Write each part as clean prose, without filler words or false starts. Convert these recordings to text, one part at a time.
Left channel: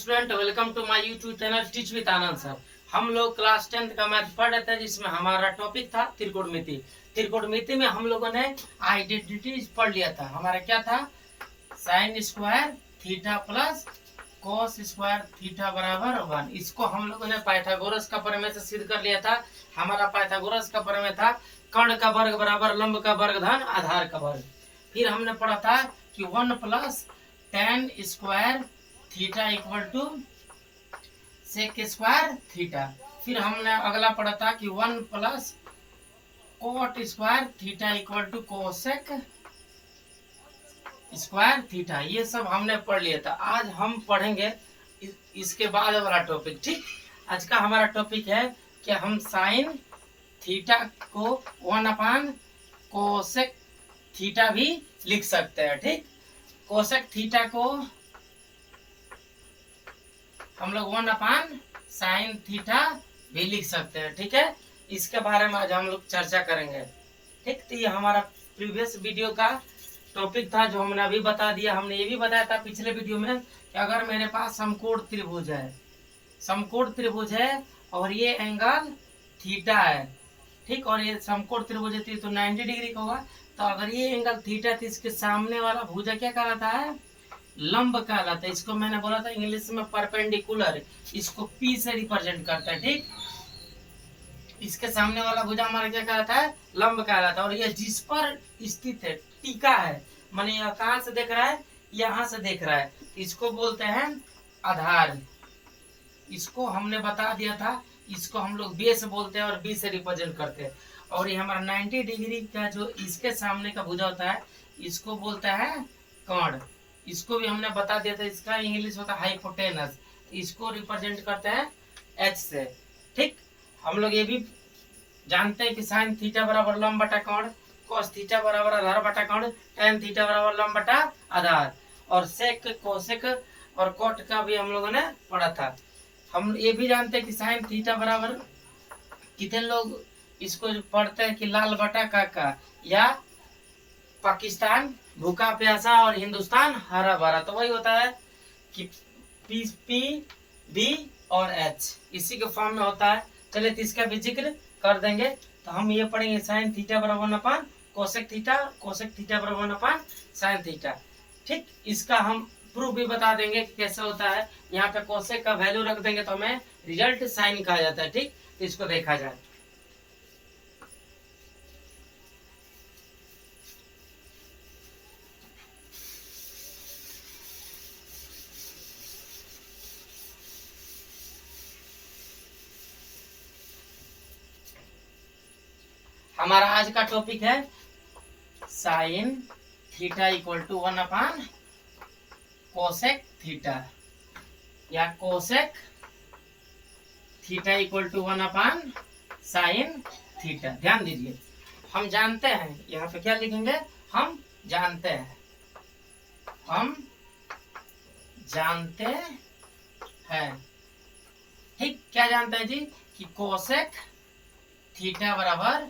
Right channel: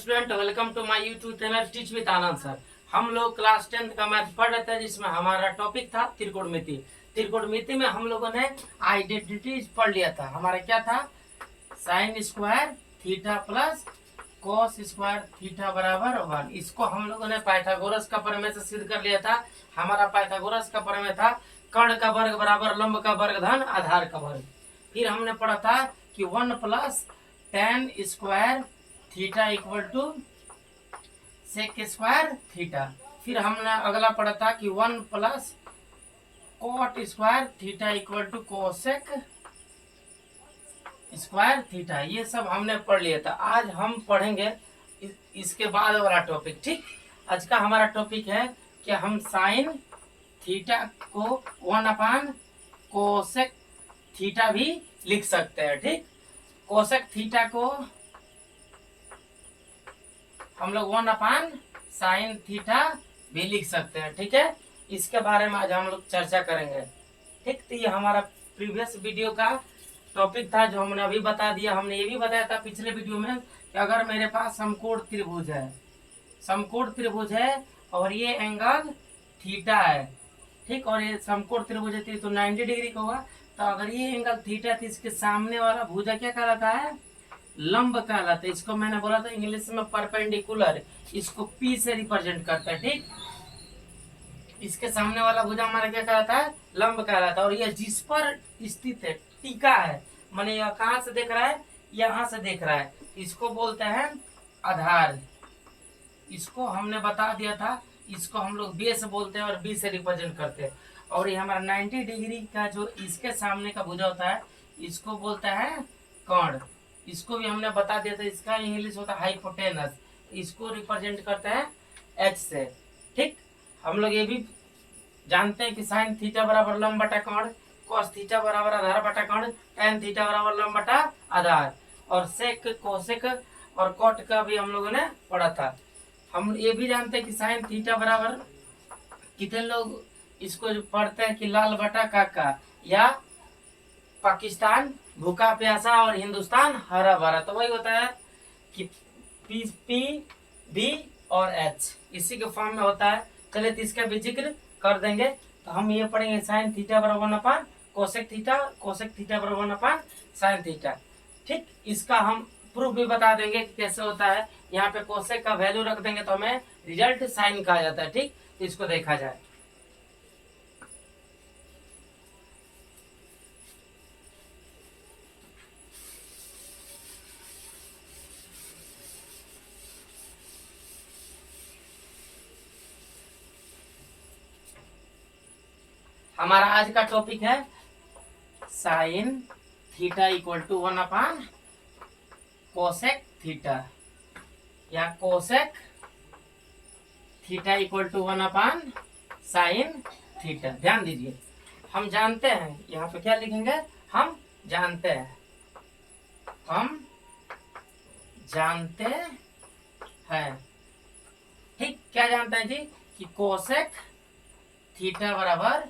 Student, welcome to my YouTube channel teach with Anand sir. हम लोग class 10th का math पढ़ रहे थे, जिसमें हमारा टॉपिक था त्रिकोणमिति। त्रिकोणमिति में हम लोगों ने आइडेंटिटी पढ़ लिया था। हमारा क्या था? Sine square theta plus cos square theta बराबर 1। इसको हम लोगों ने पाइथागोरस का प्रमेय से सिद्ध कर लिया था। हमारा पाइथागोरस का प्रमेय था कर्ण का वर्ग बराबर लंब का वर्ग धन आधार का वर्ग। फिर हमने पढ़ा था कि 1 plus tan square theta equal to sec square theta. फिर हमने अगला पढ़ा था कि 1 plus cot square theta equal to cosec square theta. ये सब हमने पढ़ लिया था। आज हम पढ़ेंगे इसके बाद वाला टॉपिक। ठीक, आज का हमारा टॉपिक है कि हम साइन थीटा को 1 कोसेक थीटा भी लिख सकते हैं। ठीक, कोसेक थीटा को हम लोग 1 साइन थीटा भी लिख सकते हैं। ठीक है, इसके बारे में आज हम लोग चर्चा करेंगे। ठीक, तो ये हमारा प्रीवियस वीडियो का टॉपिक था जो हमने अभी बता दिया। हमने ये भी बताया था पिछले वीडियो में कि अगर मेरे पास समकोण त्रिभुज है, समकोण त्रिभुज है और ये एंगल थीटा है, ठीक, और ये समकोण त्रिभुज है तो 90 डिग्री का होगा। तो अगर ये एंगल थीटा है तो इसके सामने वाला भुजा क्या कहलाता है? लंब कहलाता है। इसको मैंने बोला था इंग्लिश में परपेंडिकुलर, इसको P से रिप्रेजेंट करता है। ठीक, इसके सामने वाला भुजा हमारा क्या कहलाता है? लंब कहलाता है। और यह जिस पर स्थित है, टीका है, माने यह कहाँ से देख रहा है? यहाँ से देख रहा है, इसको बोलते हैं आधार। इसको हमने बता दिया था, इसको हम लोग बेस बोलते हैं और B से रिप्रेजेंट करते हैं। और ये हमारा 90 डिग्री का जो इसके सामने का भुजा होता है, इसको बोलता है कर्ण। इसको भी हमने बता दिया था, इसका इंग्लिश होता है हाइपोटेनस। इसको रिप्रेजेंट करते हैं H से। ठीक, हम लोग ये भी जानते हैं कि साइन थीटा बराबर लंब बटा कर्ण, कॉस थीटा बराबर आधार बटा कर्ण, tan थीटा बराबर लंब बटा आधार, और सेक कोसेक और कॉट का भी हम लोगों ने पढ़ा था। हम ये भी जानते हैं कि साइन थीटा बराबर, कितने लोग इसको पढ़ते हैं कि लाल बटा काका, या पाकिस्तान भूखा प्यासा और हिंदुस्तान हरा भरा। तो वही होता है कि P B और H इसी के फॉर्म में होता है। चलिए तो इसका भी जिक्र कर देंगे। तो हम ये पढ़ेंगे साइन थीटा बराबर 1 कोसेक थीटा, कोसेक थीटा बराबर 1 साइन थीटा। ठीक, इसका हम प्रूफ भी बता देंगे कि कैसे होता है। यहाँ पे कोसेक का वैल्यू रख देंगे तो हमें रिजल्ट साइन कहा जाता है। ठीक, तो इसको देखा जाए। हमारा आज का टॉपिक है sine theta equal to 1 cosec theta, या cosec theta equal to 1 sine theta. ध्यान दीजिए, हम जानते हैं, यहाँ पे क्या लिखेंगे? हम जानते हैं, हम जानते हैं। ठीक, क्या जानते हैं जी? कि कोसेक थीटा बराबर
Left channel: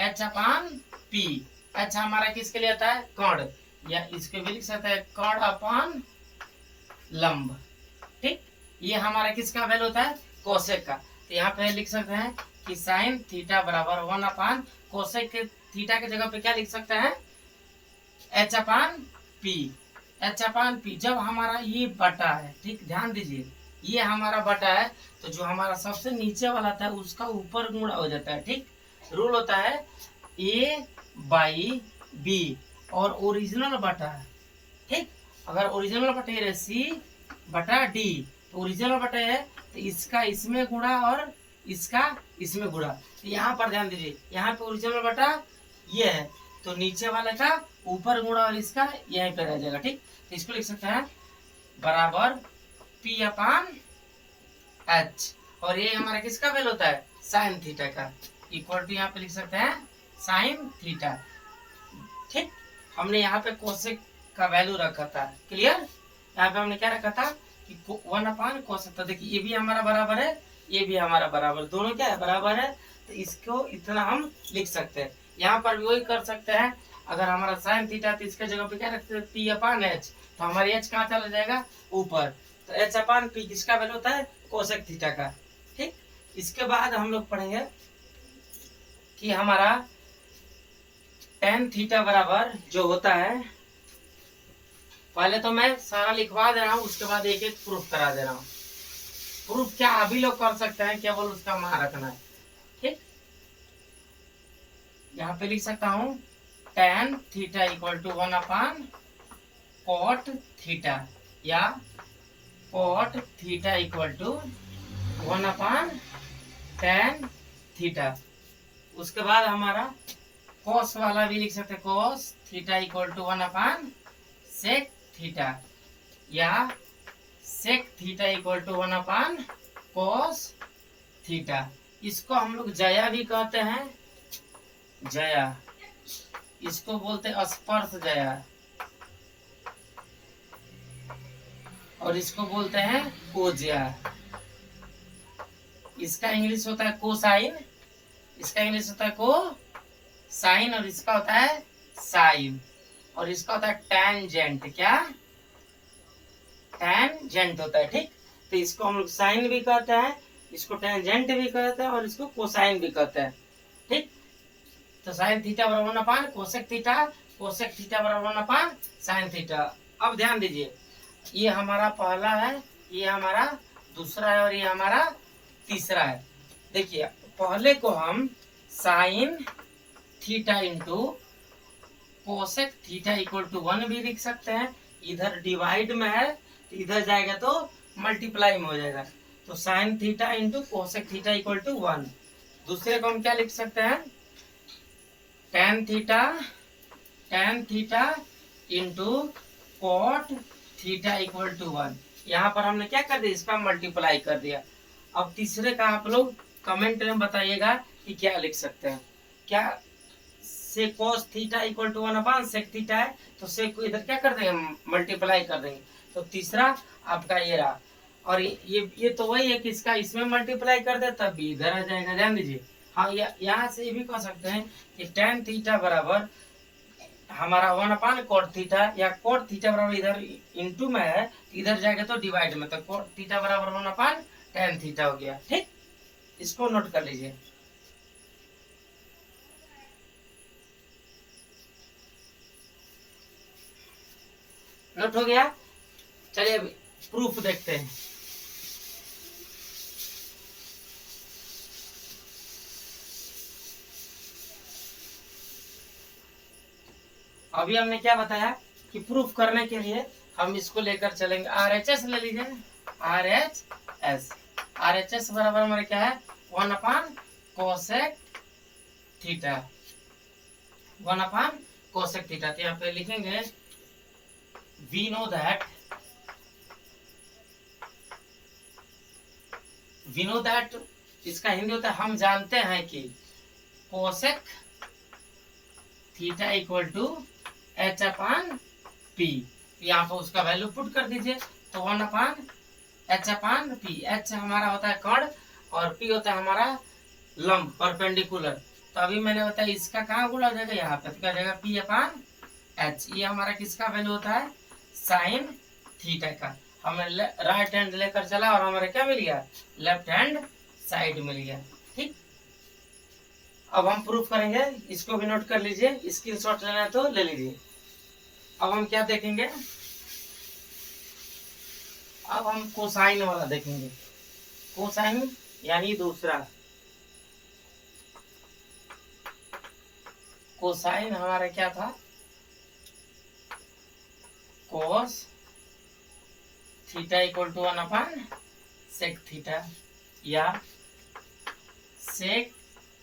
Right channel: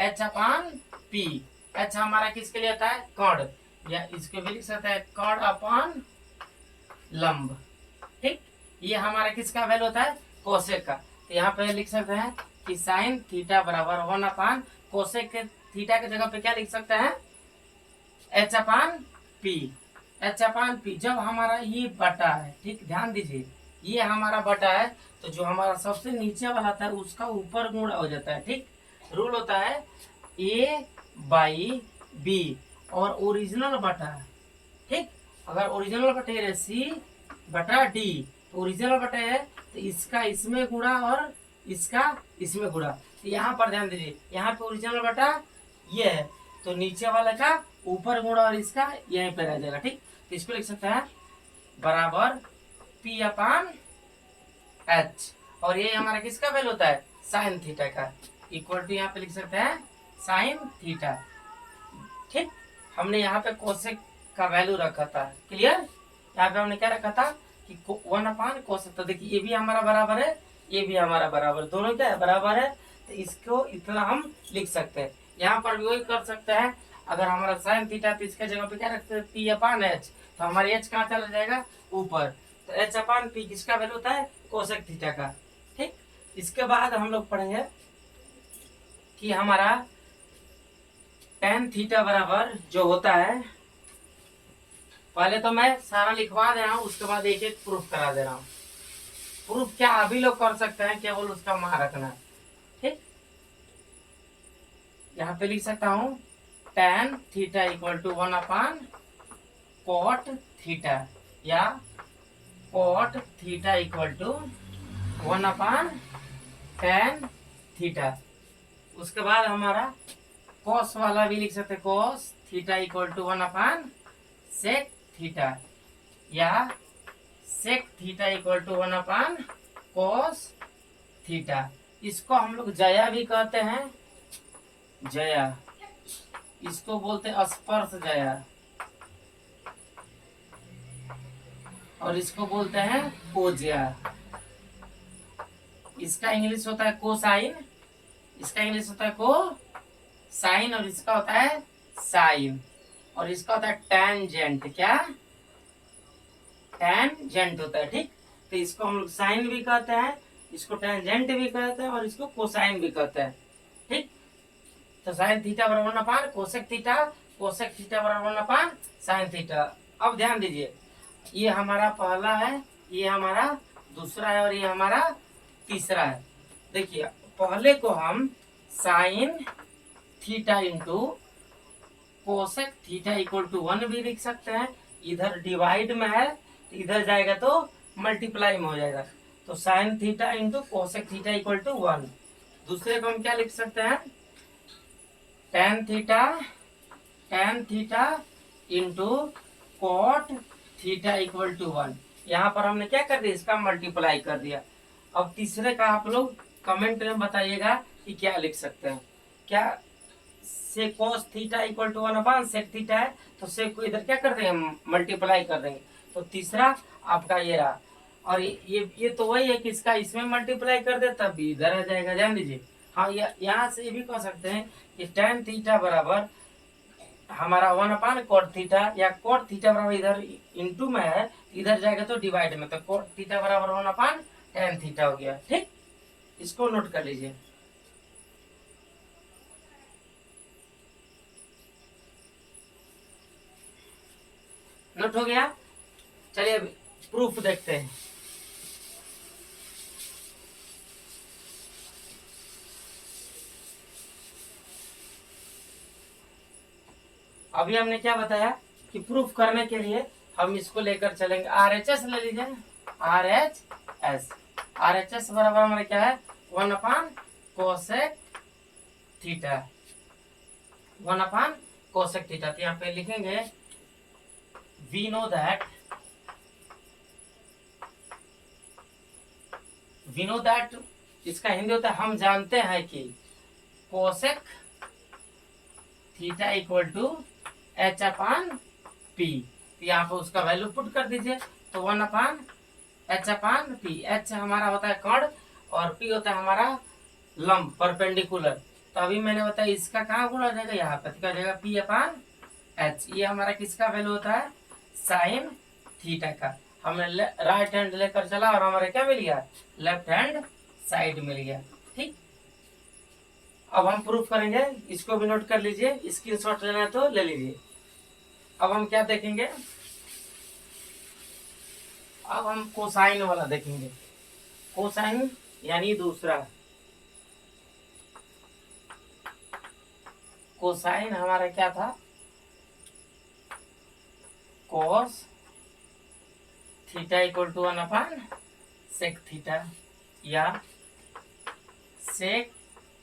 H/P। H हमारा किसके लिए आता है? कर्ण, या इसको भी लिख सकते हैं कर्ण अपॉन लंब। ठीक, ये हमारा किसका वैल्यू होता है? कोसेक का। तो यहाँ पे लिख सकते हैं कि साइन थीटा बराबर 1 कोसेक के थीटा के जगह पे क्या लिख सकते हैं? H/P। H/P जब हमारा ये बटा है, ठीक, ध्यान दीजिए, ये हमारा बटा है तो जो हमारा सबसे नीचे वाला था उसका ऊपर गुणा हो जाता है। ठीक, रूल होता है A/B और ओरिजिनल बटा। ठीक, अगर ओरिजिनल बटे है C/D, तो ओरिजिनल बटे है तो इसका इसमें गुणा और इसका इसमें गुणा। तो यहाँ पर ध्यान दीजिए, यहाँ पे ओरिजिनल बटा ये है तो नीचे वाले का ऊपर गुणा और इसका यहीं पे रह जाएगा। ठीक, तो इसको लिख सकते हैं बराबर P/H, और ये हमारा किसका वैल्यू होता है? साइन थीटा का। इक्वल टू यहाँ पे लिख सकते हैं साइन थीटा। ठीक, हमने यहाँ पे कोसेक का वैल्यू रखा था। क्लियर? यहाँ पे हमने क्या रखा था कि 1 कोसेक। तो देखिए, ये भी हमारा बराबर है, ये भी हमारा बराबर, दोनों क्या है? बराबर है। तो इसको इतना हम लिख सकते हैं। यहाँ पर भी वही कर सकते हैं। अगर हमारा साइन थीटा तो इसके जगह पे क्या रखते हैं? P/H। तो हमारी H कहाँ चला जाएगा? ऊपर। तो एच अपान पी किसका वैल्यू होता है, कोसेक थीटा का। ठीक, इसके बाद हम लोग पढ़ेंगे कि हमारा टेन थीटा बराबर जो होता है, पहले तो मैं सारा लिखवा दे रहा हूँ, उसके बाद एक एक प्रूफ करा दे रहा हूँ। प्रूफ क्या अभी लोग कर सकते हैं, केवल उसका मान रखना है। ठीक, यहाँ पे लिख सकता हूँ tan theta equal to 1 cot theta, या cot theta equal to 1/tan theta. उसके बाद हमारा कॉस वाला भी लिख सकते हैं, cos theta equal to 1/sec theta, या sec theta equal to 1/cos theta. इसको हम लोग जया भी कहते हैं, जया, इसको बोलते हैं स्पर्श जया, और इसको बोलते हैं कोज्या। इसका इंग्लिश होता है कोसाइन, इसका इंग्लिश होता है को साइन, और इसका होता है साइन, और इसका होता है टेंजेंट। क्या, टेंजेंट होता है। ठीक, तो इसको हम लोग साइन भी कहते हैं, इसको टेंजेंट भी कहते हैं, और इसको कोसाइन भी कहते हैं। ठीक, तो साइन थीटा बराबर 1 कोसेक थीटा, कोसेक थीटा बराबर 1 साइन थीटा। अब ध्यान दीजिए, ये हमारा पहला है, ये हमारा दूसरा है, और ये हमारा तीसरा है। देखिए, पहले को हम sine theta into cosec theta equal to 1 भी लिख सकते हैं। इधर डिवाइड में है, तो इधर जाएगा तो मल्टीप्लाई में हो जाएगा, तो sine theta into cosec theta equal to 1। दूसरे को हम क्या लिख सकते हैं, tan theta into cot theta equal to 1। यहाँ पर हमने क्या कर दिया, इसका मल्टीप्लाई कर दिया। अब तीसरे का आप लोग कमेंट में बताइएगा कि क्या लिख सकते हैं। क्या से cos theta equal to 1/sec theta है, तो sec को इधर क्या कर देंगे, मल्टीप्लाई कर देंगे। तो तीसरा आपका ये रहा, और ये तो वही है कि इसका इसमें मल्टीप्लाई कर दे तब भी इधर आ जाएगा। ध्यान दीजिए, हाँ, यहाँ से ये भी कह सकते हैं कि tan थीटा बराबर हमारा 1/cot थीटा, या cot थीटा बराबर इधर इंटू में है, इधर जाएगा तो डिवाइड में, तो cot थीटा बराबर 1/tan थीटा हो गया। ठीक, इसको नोट कर लीजिए। नोट हो गया। चलिए अभी प्रूफ देखते हैं। अभी हमने क्या बताया कि प्रूफ करने के लिए हम इसको लेकर चलेंगे, RHS ले लीजिए, RHS बराबर हमारे क्या है, 1/cosec थीटा, 1/cosec थीटा। तो यहाँ पे लिखेंगे we know that, इसका हिंदी होता है हम जानते हैं कि cosec theta equal to h/p। यहाँ पर उसका वैल्यू पुट कर दीजिए, तो 1/h/p। h हमारा होता है कण, और p होता है हमारा लंब, परपेंडिकुलर। तो अभी मैंने बताया इसका कहाँ गुणा हो जाएगा, यहाँ पे तो हो जाएगा p/h। ये हमारा किसका वैल्यू होता है, साइन थीटा का। हमें राइट हैंड लेकर चला और हमारे क्या मिल गया, लेफ्ट हैंड साइड मिल गया। ठीक, अब हम प्रूफ करेंगे, इसको भी नोट कर लीजिए, स्क्रीनशॉट लेना है तो ले लीजिए। अब हम क्या देखेंगे, अब हम कोसाइन वाला देखेंगे। कोसाइन यानी दूसरा, कोसाइन हमारा क्या था, cos theta equal to 1/sec theta, या sec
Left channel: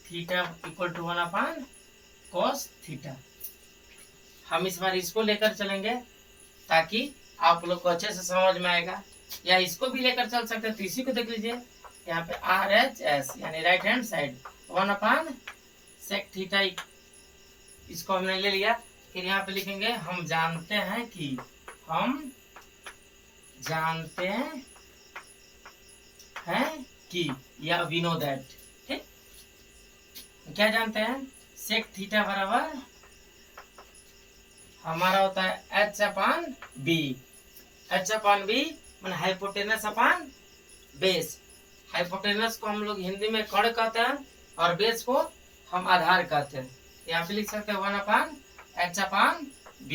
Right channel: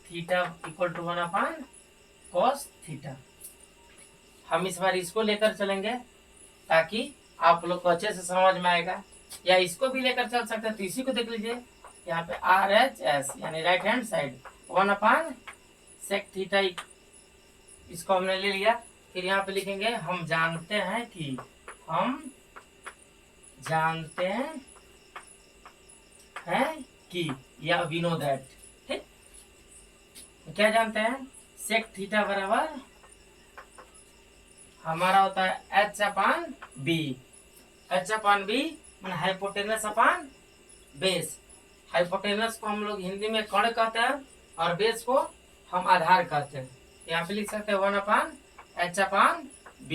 theta equal to 1/cos theta. हम इस बार इसको लेकर चलेंगे ताकि आप लोग को अच्छे से समझ में आएगा, या इसको भी लेकर चल सकते हैं। तो इसी को देख लीजिए, यहाँ पे RHS यानी right hand side 1/sec theta, इसको हमने ले लिया। फिर यहाँ पे लिखेंगे हम जानते हैं कि, या वी नो दैट। ठीक, क्या जानते हैं, सेक थीटा बराबर हमारा होता है h/b। मैंने हाइपोटेनस अपान बेस। हाइपोटेनस को हम लोग हिंदी में कण कहते हैं और बेस को हम आधार कहते हैं। यहाँ पे लिख सकते हैं 1/h/b।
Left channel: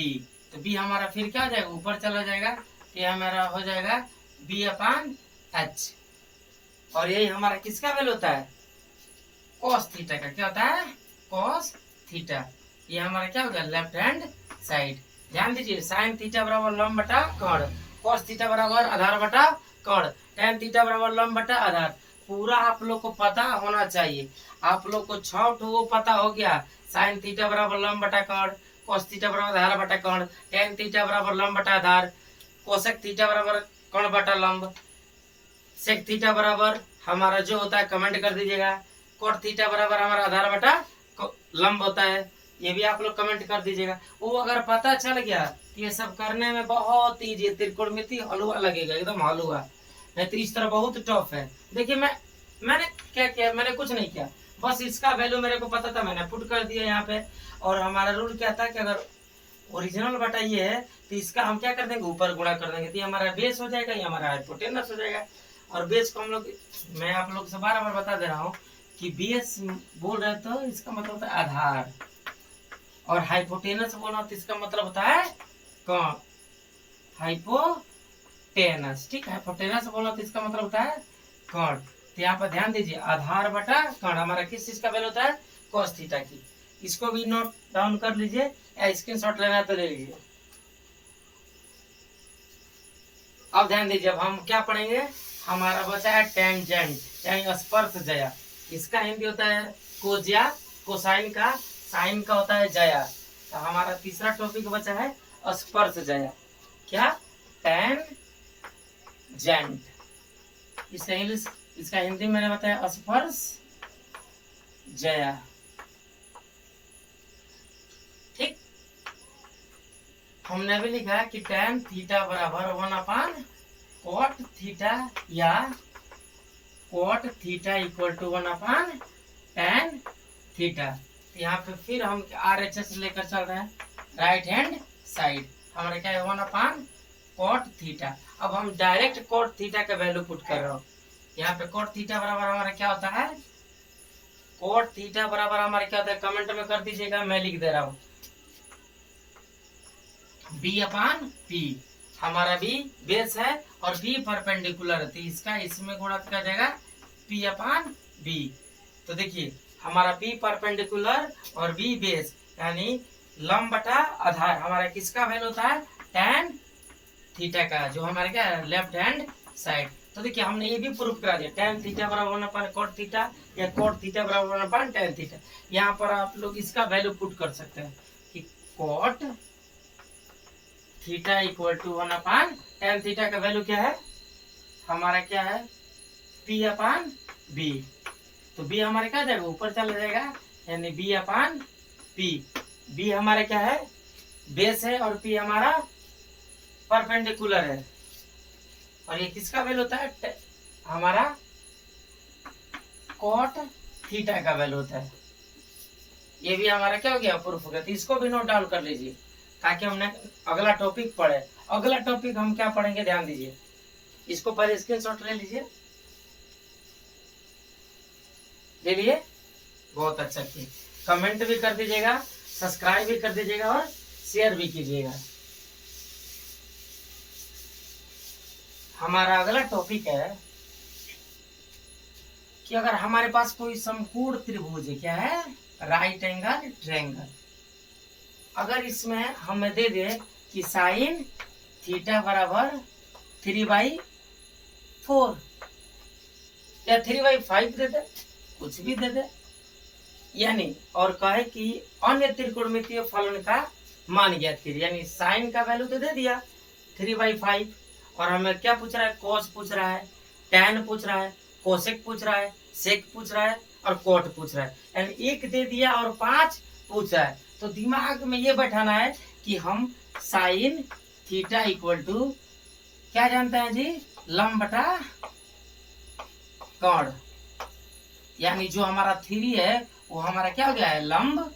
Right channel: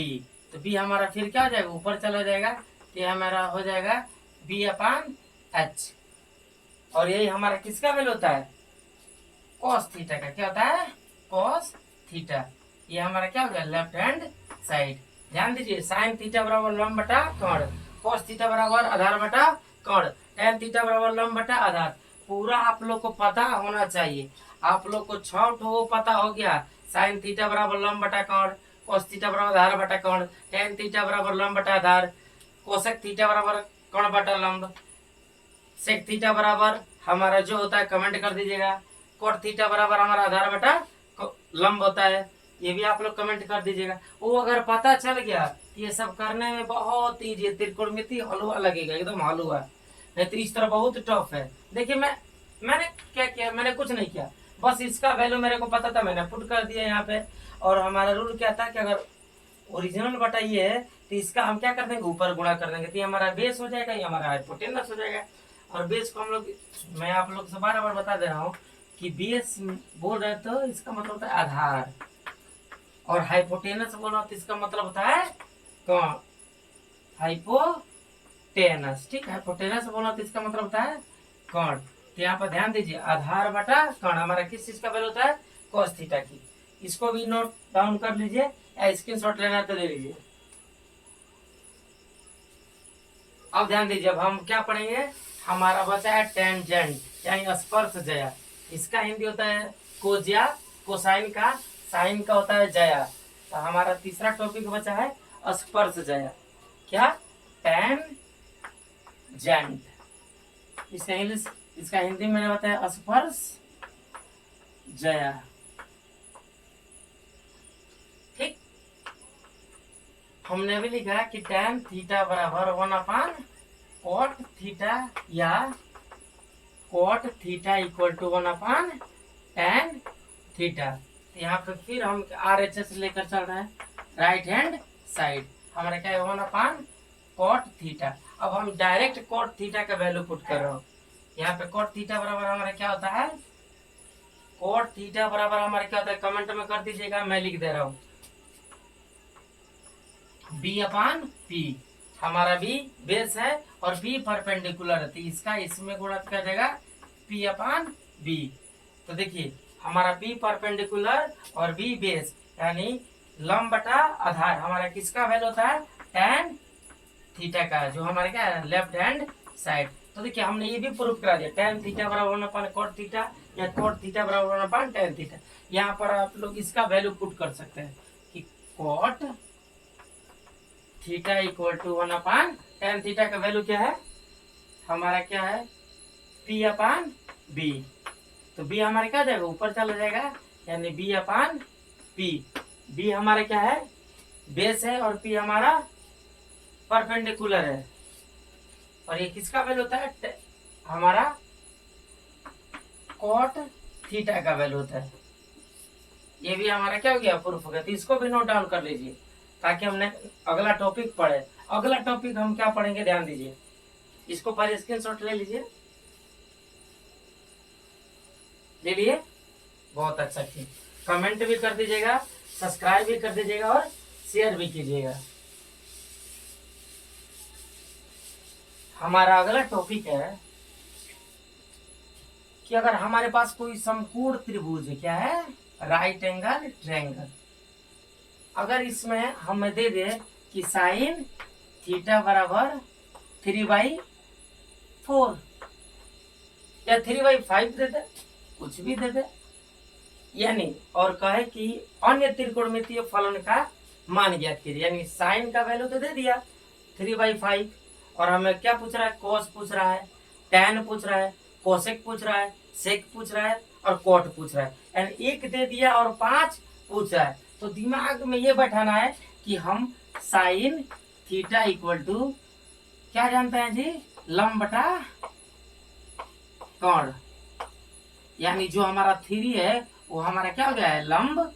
तो b हमारा फिर क्या हो जाएगा, ऊपर चला जाएगा, तो ये हमारा हो जाएगा b/h। और यही हमारा किसका वैल्यू होता है, cos थीटा का। क्या होता है, cos थीटा। ये हमारा क्या हो गया, लेफ्ट हैंड साइड। ध्यान दीजिए, साइन थीटा बराबर लंब बटा कण, cos थीटा बराबर आधार बटा कण, tan थीटा बराबर लंब बटा आधार। पूरा आप लोग को पता होना चाहिए। आप लोग को 6 ठो पता हो गया, साइन थीटा बराबर लंब बटा कण, cos थीटा बराबर आधार बटा कण, tan थीटा बराबर लंब बटा आधार, कोसेक थीटा बराबर कण बटा लंब, सेक थीटा बराबर हमारा जो होता है कमेंट कर दीजिएगा, कोट थीटा बराबर हमारा आधार बटा लंब होता है, ये भी आप लोग कमेंट कर दीजिएगा। वो अगर पता चल गया, ये सब करने में बहुत ईजी, त्रिकोणमिति हलवा लगेगा, एकदम हलवा। नहीं तो इस तरह बहुत टफ है। देखिए मैंने क्या किया, मैंने कुछ नहीं किया, बस इसका वैल्यू मेरे को पता था, मैंने पुट कर दिया यहाँ पे। और हमारा रूल क्या था कि अगर ओरिजिनल बटा ये है तो इसका हम क्या कर देंगे, ऊपर गुणा कर देंगे, तो ये हमारा बेस हो जाएगा, ये हमारा हाइपोटेनस हो जाएगा। और बेस को हम लोग, मैं आप लोग से बार बार बता दे रहा हूँ कि बेस बोल रहे तो इसका मतलब होता है आधार, और हाइपोटेनस बोल रहा तो इसका मतलब होता है कण, हाइपोटेनस। ठीक है, हाइपोटेनस बोल रहा तो इसका मतलब होता है कण। तो यहाँ पर ध्यान दीजिए, आधार बटा कण हमारा किस चीज का वैल्यू होता है, cos थीटा की। इसको भी नोट डाउन कर लीजिए, या स्क्रीनशॉट लेना तो ले लीजिए। अब ध्यान दीजिए, अब हम क्या पढ़ेंगे, हमारा बचा है टेंजेंट यानी स्पर्शज्या। इसका हिंदी होता है कोज्या, कोसाइन का, साइन का होता है जया। तो हमारा तीसरा टॉपिक बचा है स्पर्शज्या। क्या, टेंजेंट। इसका इंग्लिश, इसका हिंदी मैंने बताया स्पर्शज्या। ठीक, हमने भी लिखा है कि tan थीटा बराबर 1/cot थीटा, या cot theta equal to 1/tan theta. तो यहाँ पे फिर हम RHS लेकर चल रहे हैं, राइट हैंड साइड। हमारा क्या है, 1/cot थीटा। अब हम डायरेक्ट cot थीटा का वैल्यू पुट कर रहे हो। यहाँ पे cot थीटा बराबर हमारा क्या होता है, cot थीटा बराबर हमारा क्या होता है, कमेंट में कर दीजिएगा, मैं लिख दे रहा हूँ, b/p। हमारा b बेस है और b परपेंडिकुलर है, तो इसका इसमें गुणा कर देगा p/b। तो देखिए हमारा b परपेंडिकुलर और b बेस यानी लंब बटा आधार, हमारा किसका वैल्यू होता है, tan थीटा का, जो हमारे क्या है, लेफ्ट हैंड साइड। तो देखिए हमने ये भी प्रूफ करा दिया, tan थीटा बराबर 1/cot थीटा, या cot थीटा बराबर 1/tan थीटा। यहाँ पर आप लोग इसका वैल्यू पुट कर सकते हैं कि cot theta equal to 1/tan theta का वैल्यू क्या है, हमारा क्या है, p/b। तो b हमारा क्या जाएगा, ऊपर चला जाएगा, यानी b/p। b हमारा क्या है, बेस है, और p हमारा परपेंडिकुलर है। और ये किसका वैल्यू होता है, हमारा cot थीटा का वैल्यू होता है। ये भी हमारा क्या हो गया, प्रूफ हो गया। तो इसको भी नोट डाउन कर लीजिए ताकि हमने अगला टॉपिक पढ़े। अगला टॉपिक हम क्या पढ़ेंगे, ध्यान दीजिए, इसको पहले स्क्रीनशॉट ले लीजिए, ले लिए, बहुत अच्छा किया। कमेंट भी कर दीजिएगा, सब्सक्राइब भी कर दीजिएगा और शेयर भी कीजिएगा। हमारा अगला टॉपिक है कि अगर हमारे पास कोई समकोण त्रिभुज है, क्या है, राइट एंगल ट्रायंगल, अगर इसमें हमें दे दे कि साइन थीटा बराबर 3/4 या 3/5 दे दे, कुछ भी दे दे, यानी और कहे कि अन्य त्रिकोणमितीय फलन का मान ज्ञात कीजिए, यानी साइन का वैल्यू तो दे दिया 3/5, और हमें क्या पूछ रहा है, cos पूछ रहा है, tan पूछ रहा है, कोसेक पूछ रहा है, सेक पूछ रहा है, और कोट पूछ रहा है, यानी 1 दे दिया और 5 पूछ रहा है। तो दिमाग में ये बैठाना है कि हम साइन थीटा इक्वल टू क्या जानते हैं जी, लंब बटा कण, यानी जो हमारा 3 है वो हमारा क्या हो गया है, लंब,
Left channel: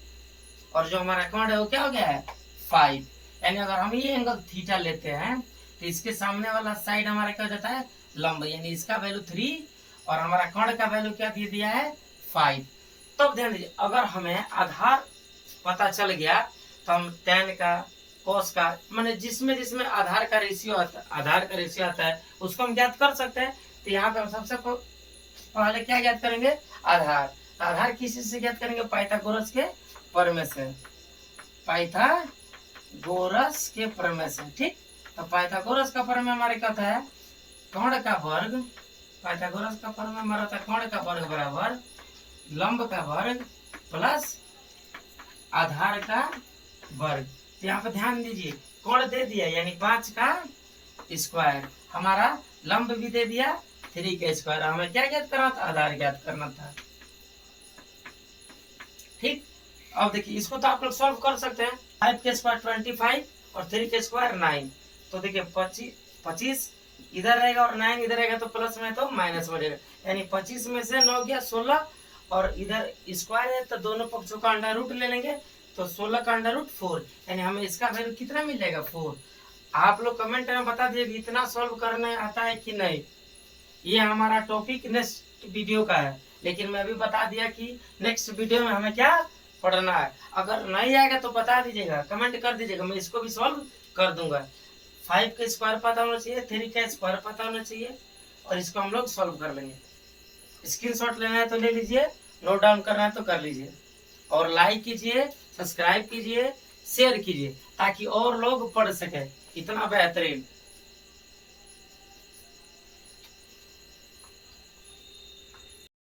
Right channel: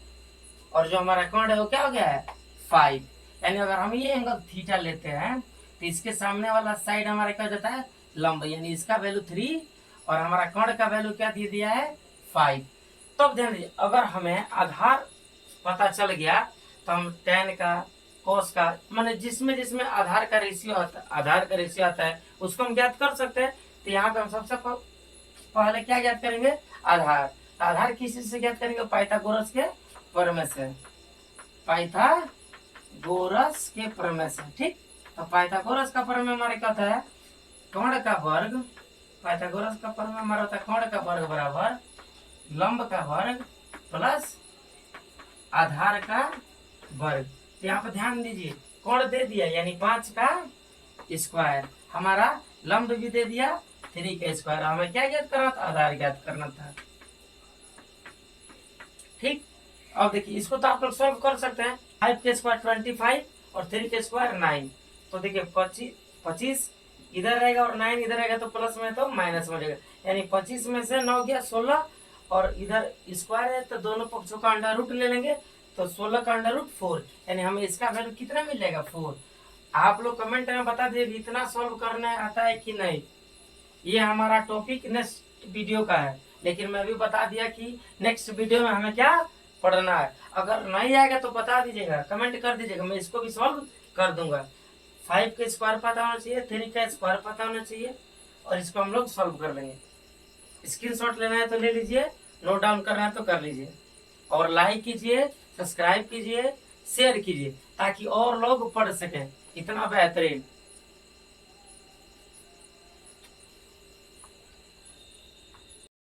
और जो हमारा कण है वो क्या हो गया है, 5। यानी अगर हम ये एंगल थीटा लेते हैं तो इसके सामने वाला साइड हमारा क्या हो जाता है, लंब, यानी इसका वैल्यू 3 और हमारा कर्ण का वैल्यू क्या दे दिया है, 5। तब ध्यान दीजिए, अगर हमें आधार पता चल गया तो हम tan का, cos का, माने जिसमें जिसमें आधार का रेशियो आता है उसको हम ज्ञात कर सकते हैं। तो यहाँ पे हम सबसे पहले क्या ज्ञात करेंगे, आधार। तो आधार किस चीज से ज्ञात करेंगे, पाइथागोरस के प्रमेय से, पाइथागोरस के प्रमेय से। ठीक, तो पाइथागोरस का प्रमेय हमारे क्या होता है, कर्ण का वर्ग, पाइथागोरस का प्रमेय हमारा होता है कर्ण का वर्ग बराबर लंब का वर्ग प्लस आधार का वर्ग। तो यहाँ पे ध्यान दीजिए, कोण दे दिया यानी 5 का स्क्वायर, हमारा लंब भी दे दिया 3 का स्क्वायर। हमें क्या ज्ञात करना था, आधार ज्ञात करना था। ठीक, अब देखिए इसको तो आप लोग सॉल्व कर सकते हैं। 5 के स्क्वायर 25 और 3 के स्क्वायर 9। तो देखिए 25 इधर रहेगा और 9 इधर रहेगा, तो प्लस में तो माइनस में रहेगा, यानी 25 में से 9 गया 16 और इधर स्क्वायर है तो दोनों पक्षों का अंडर रूट ले लेंगे, तो 16 का अंडर रूट 4, यानी हमें इसका वैल्यू कितना मिल जाएगा, 4। आप लोग कमेंट में बता दीजिए इतना सॉल्व करने आता है कि नहीं। ये हमारा टॉपिक नेक्स्ट वीडियो का है, लेकिन मैं भी बता दिया कि नेक्स्ट वीडियो में हमें क्या पढ़ना है। अगर नहीं आएगा तो बता दीजिएगा, कमेंट कर दीजिएगा, मैं इसको भी सॉल्व कर दूंगा। 5 का स्क्वायर पता होना चाहिए, 3 का स्क्वायर पता होना चाहिए, और इसको हम लोग सॉल्व कर लेंगे। स्क्रीनशॉट लेना है तो ले लीजिए, नोट डाउन करना है तो कर लीजिए, और लाइक कीजिए, सब्सक्राइब कीजिए, शेयर कीजिए, ताकि और लोग पढ़ सकें। इतना बेहतरीन।